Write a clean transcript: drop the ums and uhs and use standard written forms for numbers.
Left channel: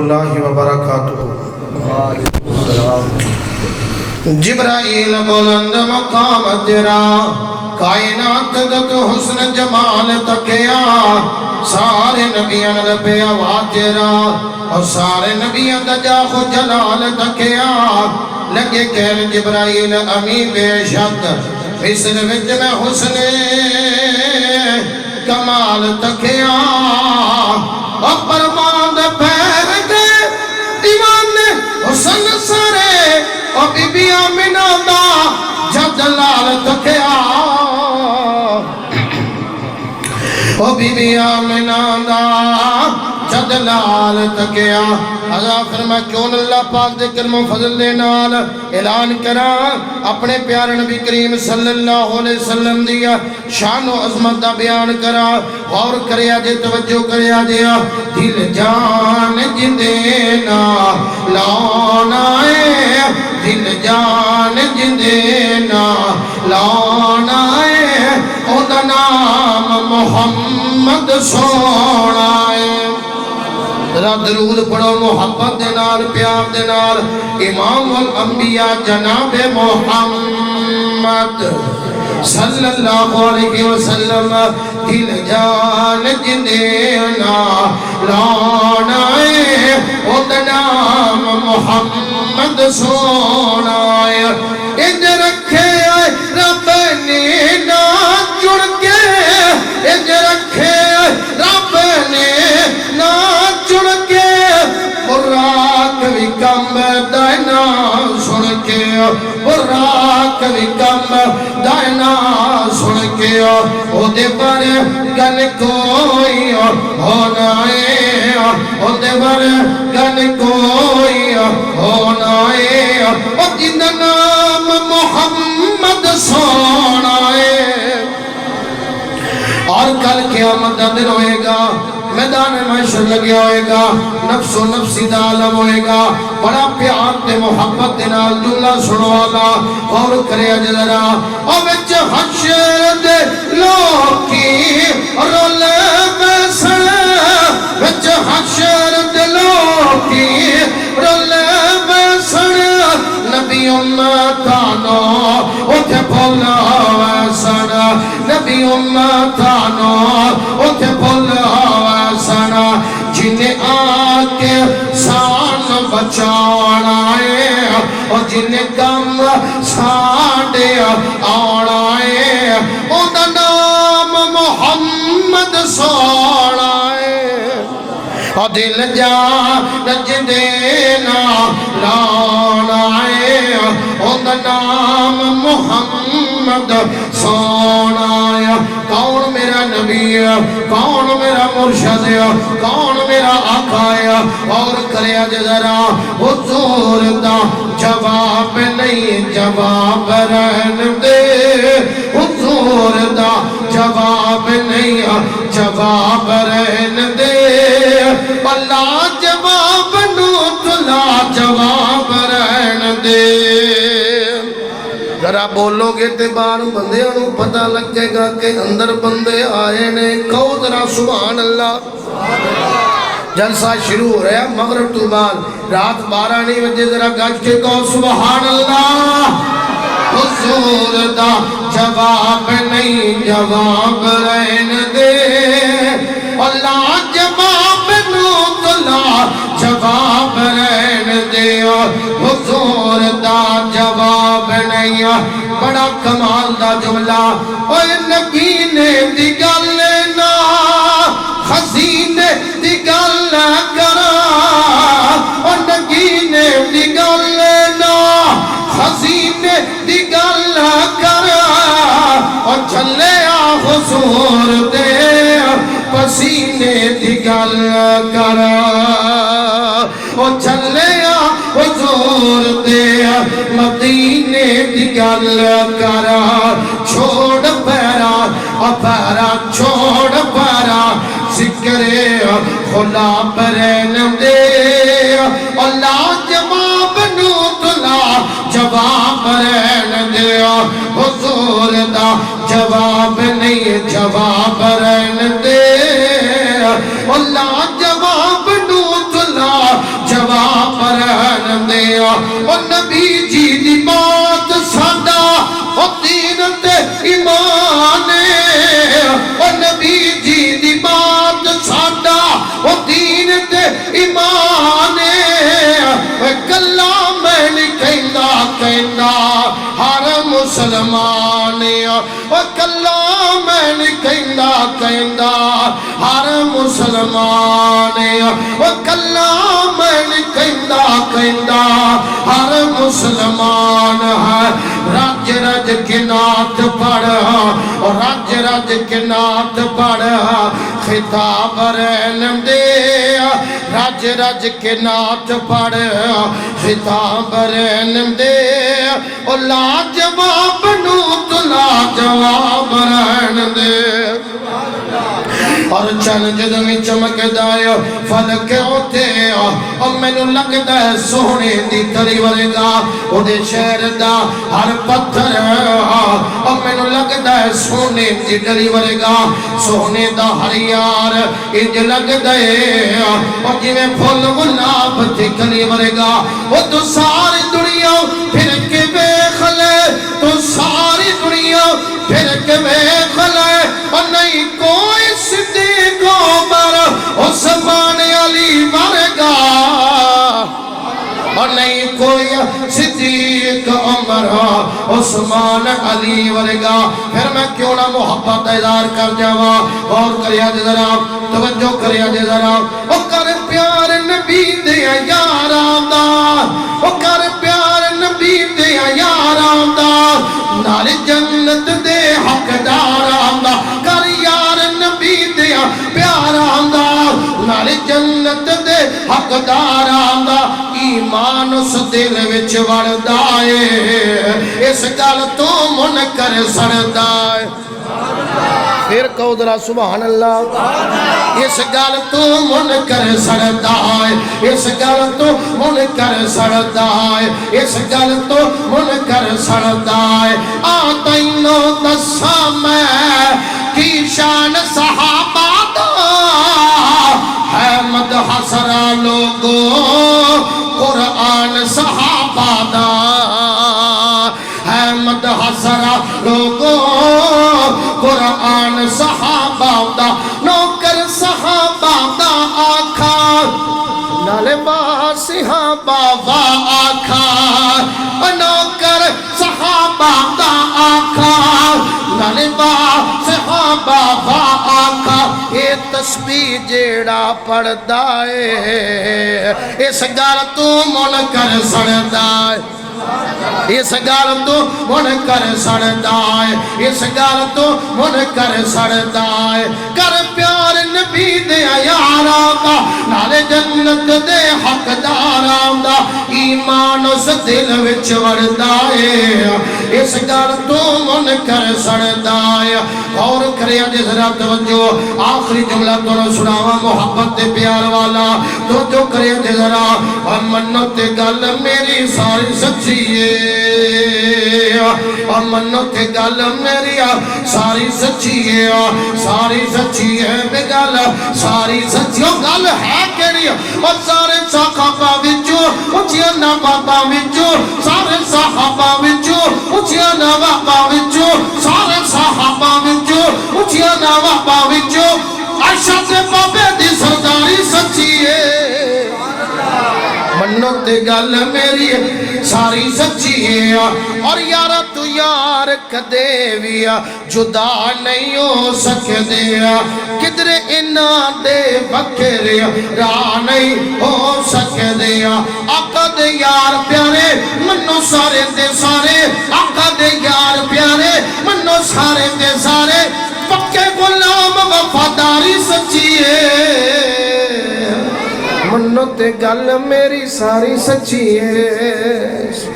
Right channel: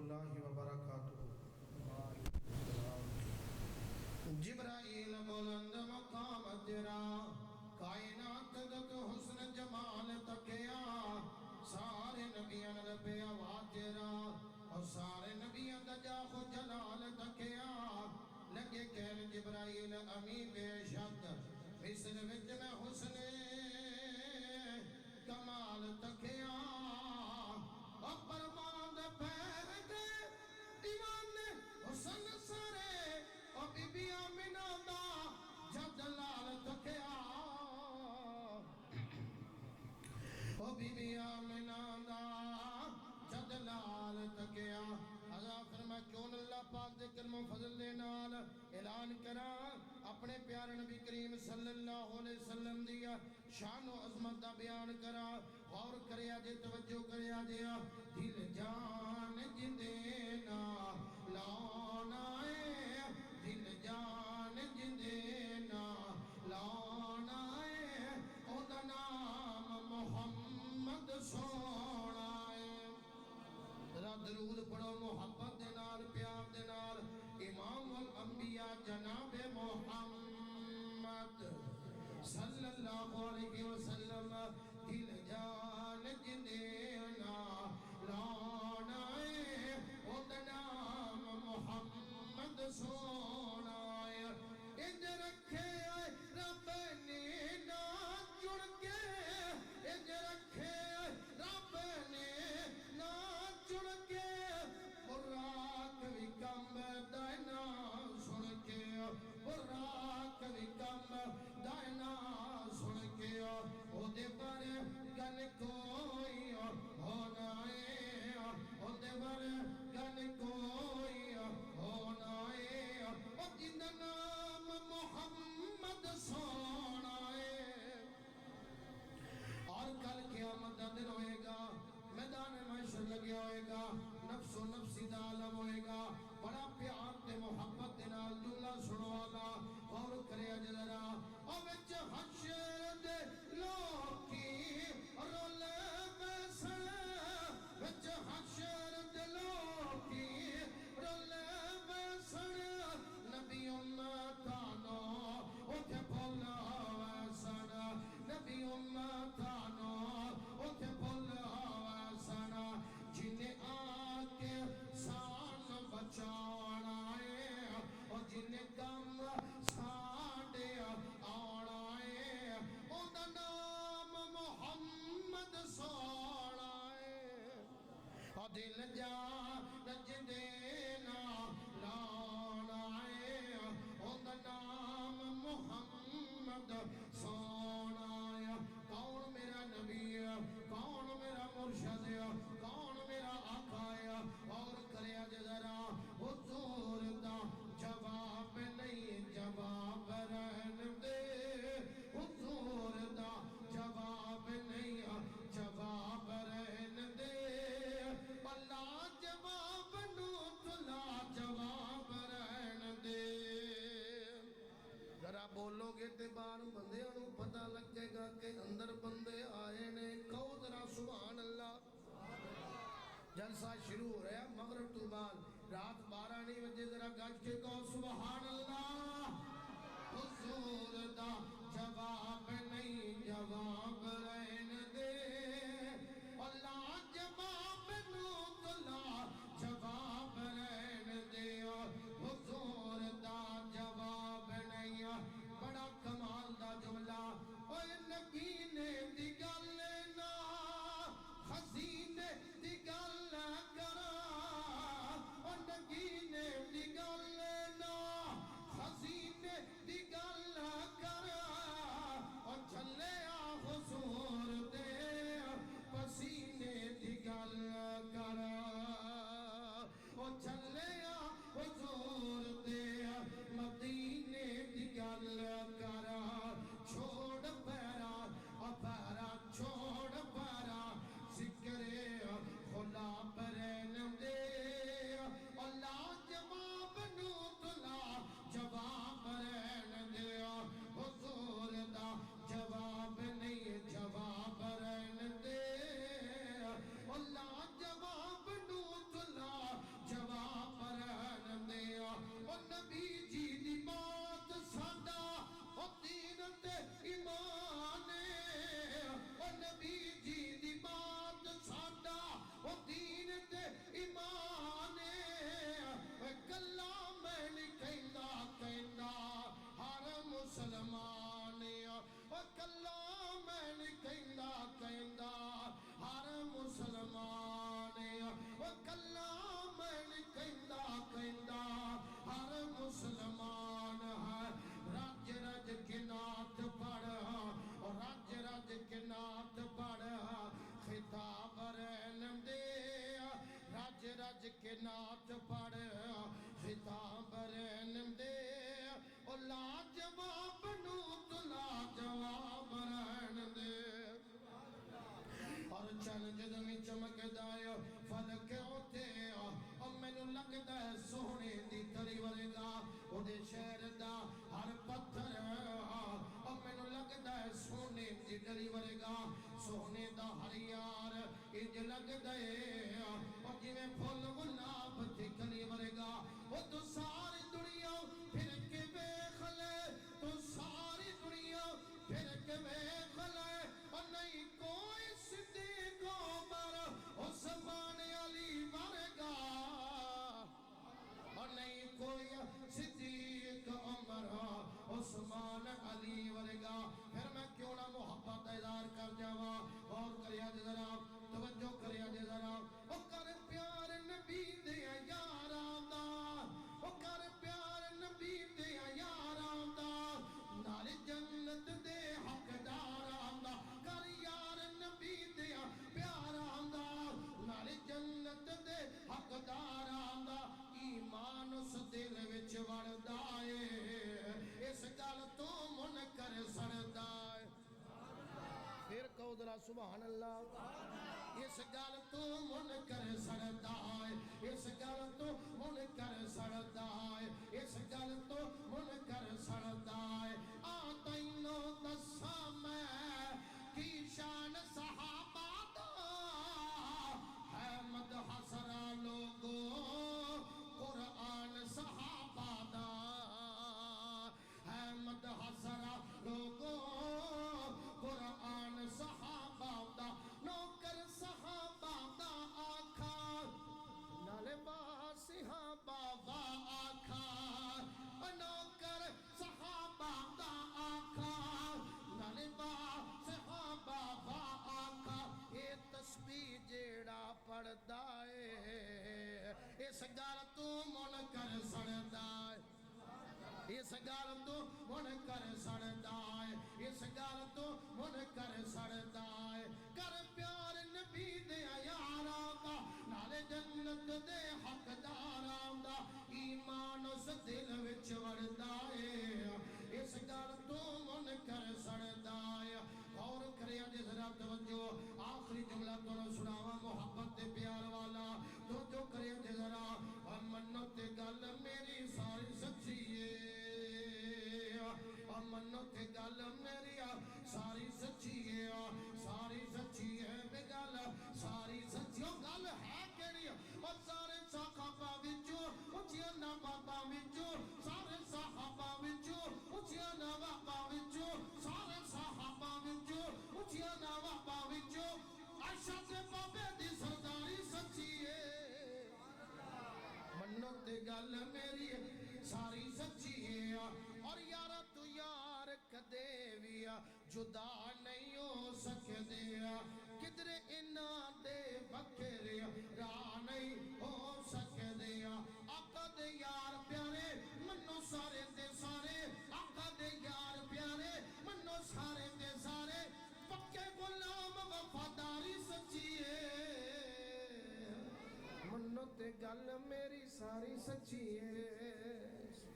اللہ وبرکاتہ۔ جبرائیل بلند مقام تیرا، کائنات دت حسن جمال تکیا، سارے نبیان لبے آواز تیرا، اور سارے نبیان دجاخ جلال تکیا، لگے کہن جبرائیل امین بے شک، مصر وچ میں حسن کمال تکیا، اور پرمان پھیر دے دیوان حسن سارے، اور بی بی آمینہ دا جلال تکیا، اور بی بی آمینہ دا جلال تکیا۔ حضرت فرما کیوں اللہ پاک دے کرم و فضل دے نال اعلان کرا اپنے پیارے نبی کریم صلی اللہ علیہ وسلم دیا شان و عظمت دا بیان کرا، اور کریا جے توجہ کریا جیا، دل جان جندینا لانا ہے، دل جان جندینا لانا ہے، او دا نام محمد سونا ہے۔ ذرا درود پڑھو محبت دے نال پیار دے نال، امام الانبیاء جناب محمد صلی اللہ علیہ وسلم، دل جان جندینا لانا ہے، او دا نام محمد سونا ہے۔ انج رکھے رب نے نا جڑ کے، انج رکھے رب نے نا جڑ کے، براک بھی کم دائنا سن کے، براک بھی کم دائنا سن کے، او دے پر گن کوئی ہونا ہے، او دے پر گن کوئی ہونا ہے، او جن نام محمد سونا ہے۔ اور کل قیامت دا دن ہوئے گا، میدان محشر لگے ہوئے گا، نفس و نفسی دا عالم ہوئے گا، بڑا پیار تے محبت دے نال جملہ سنو گا، اور کرے اجدرا، اور وچ حشر دے لوکی رولے بیسن، وچ حشر دے لوکی رولے بیسن، نبی امتانو اٹھے بھولا ویسن، نبی امتانو اٹھے بھولا ویسن، جنہیں آکے سان بچانا ہے، اور جنہیں کم ساڑے آنا ہے، او دا نام محمد سونا ہے، اور دل جان جندینا لانا ہے، او دا نام محمد سونا ہے۔ کون میرا نبی ہے، کون میرا مرشد ہے، کون میرا آقا ہے، اور کرے ذرا حضور دا جواب نہیں، جواب رہن دے، حضور دا جواب نہیں، جواب رہن دے، اللہ جواب نو تلا جواب رہن دے۔ ذرا بولو گے تے بار بندے انہوں پتہ لگے گا کہ اندر بندے آئے نے، کہو ذرا سبحان اللہ۔ جلسہ شروع ہو رہا ہے مغرب تو بعد، رات 12 نہیں بجے، ذرا گج کے کہو سبحان اللہ۔ حضور دا جواب نہیں، جواب رہن دے، اللہ جواب نو تلا جواب رہن دے، حضور دا جواب نہیں۔ بڑا کمال دا جملہ، اوہ نگینے دی گل نا خزینے دی گل کرا، اوہ نگینے دی گل نا خزینے دی گل کرا، اور چلے آ حضور دے پسینے دی گل کرا، اور چلے آ حضور دے مدینے دی گل کرا، چھوڑ پیرا پیرا چھوڑ پیرا، ذکر خلا پرین دے، اللہ جواب نو تلا جواب رہن دے، حضور دا جواب نہیں، جواب رہن دے، اللہ جواب نو تلا او کلا میں نہیں کہندا ہر مسلمان او کلا میں نہیں کہندا ہر مسلمان ہے رج رج کے نعت پڑھ اور رج رج کے نعت پڑھ خطاب رہن دے رج رج کے نعت پڑھ خطاب رہن دے اور لاجواب نو تو لاجواب رہن دے اور چند جدمی چمک دائے فلک ہوتے اور میں نو لگتا ہے سونے دی تری ورگا او دے شہر دا ہر پتھر اور میں نو لگتا ہے سونے دی تری ورگا سونے دا ہر یار انج لگتا ہے اور جی میں پھول گلاب تے کلی ورگا وہ تو ساری دنیا پھر کے بے خلے تو ساری دنیا پھر کے بے خلے اور نہیں کوئی صدیق عمر عثمان علی ورگا اور نہیں کوئی صدیق عمر عثمان علی ورگا پھر میں کیوں نہ محبت اظہار کر جاوا اور کریا جے ذرا توجہ کریا جے ذرا او کر پیار نبی دے یاراں دا او کر پیار نبی دے یاراں دا نال جنت دے حقداراں دا کر یار نبی دے پیاراں دا نال جنت دے حقداراں دا ایمان اس دل وچ وڑدا اے اس گل تو منکر سڑدا اے پھر کہو ذرا سبحان اللہ اس گل تو منکر سڑدا اے اس گل تو منکر سڑدا اے اس گل تو منکر سڑدا اے آ تینوں دساں میں کی شان صحابہ دا ہے مدح سرا لوگو قرآن صحابہ دا ہے مدح سرا لوگو قرآن صحابہ دا نوکر صحابہ دا آکھا نالبا صحابہ وا آکھا نوکر صحابہ دا آکھا نالبا صحابہ وا آکھا اے تسبیح جیڑا پڑھدا اے اس گل تو منکر سڑدا اے اس گل تو منکر سڑدا اے اس گل تو منکر سڑدا اے کر پیار نبی دے یاراں دا نال جنت دے حقداراں دا ایمان اس دل وچ وڑدا اے اس گل تو منکر سڑدا اے اور کریا جے ذرا توجہ آخری جملہ تو سناواں محبت تے پیار والا تو جو کریا جے ذرا منو تے گل میری ساری سچی منو تے گل میری ساری سچی ہے ساری سچی ہے بے گل ساری سچی گل ہے کیڑی اور سارے صحابہ وچوں اونچیاں نواباں وچوں سارے صحابہ وچوں اونچیاں نواباں وچوں سارے صحابہ وچوں اونچیاں نواباں وچوں عائشہ تے بابے دی سرداری سچی ہے منو تے گل میری ساری سچی ہے اور یارا تو یار کدے بھی جدا نہیں ہو سکدے کدھر انہاں دے بکھرے راہ نہیں ہو سکدے آقا دے یار پیارے منو سارے دے سارے آقا دے یار پیارے منو سارے دے سارے پکے غلام وفاداری سچی ہے منو تے گل میری ساری سچی ہے